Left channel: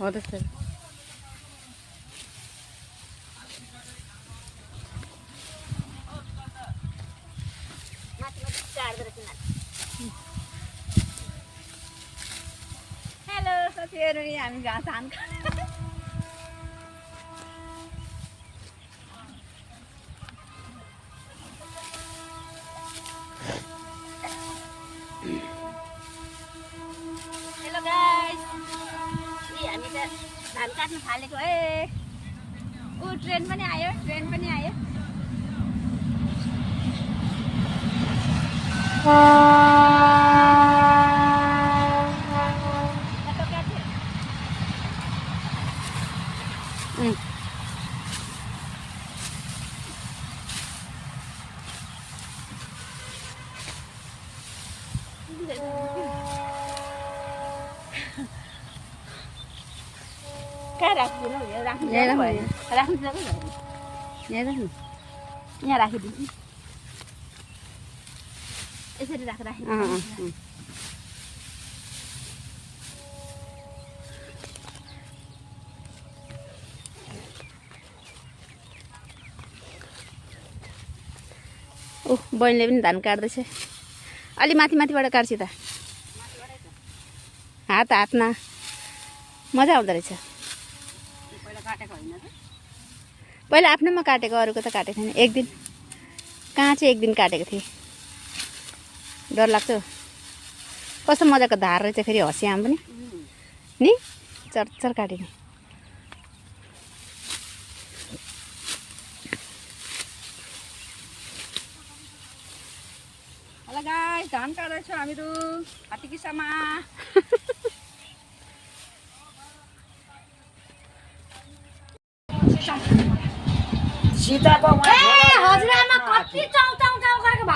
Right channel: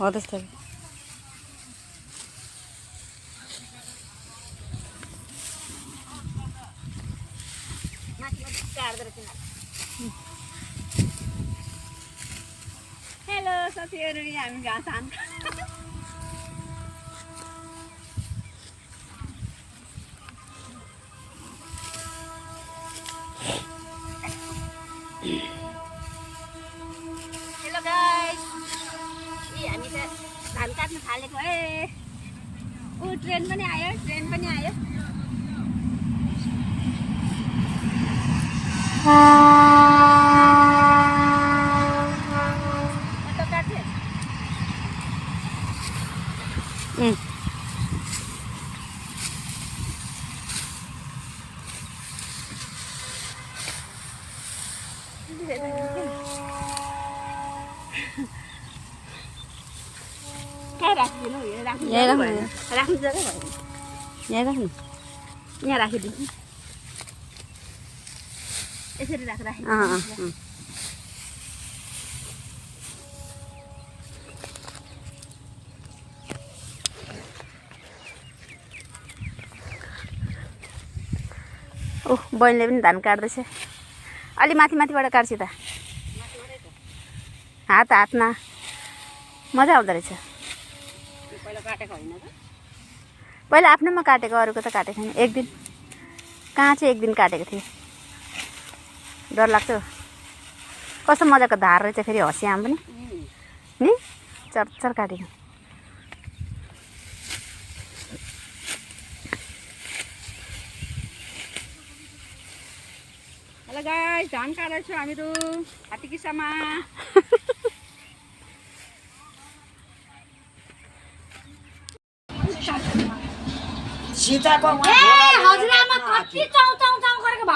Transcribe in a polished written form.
हो त्यस्तै हेलो साथीहरु हामी घाँस हान्छ हेलो गाइस हामी त धान काट्न थालेको ट्रेन पनि आयो कहाँ राखिदिनु राख्नु जग्गा भएन यहाँ राख्नु यहाँ राखिदिन्छु यसरी राखेर ओह बहिनीले पनि धान काट्दैछ अलि माथिबाट काट्छु त हातमा मजा आउँदो रहेछ पहिला आफ्नैमा काटेको अरूको त काटेको थिएन एक दिन कहाँ चाहिँ एक दिन काटेको थिएँ डर लाग्छ कस्तो मजाको धार रहेछ फेरि हँसिया पनि नि चरचर काटेको हेलो गाइस धान काट्दैछौँ हामीहरू हात्तीकिसामा सीताको हजुरआमा कति चाउ चाउ चाउ गरेको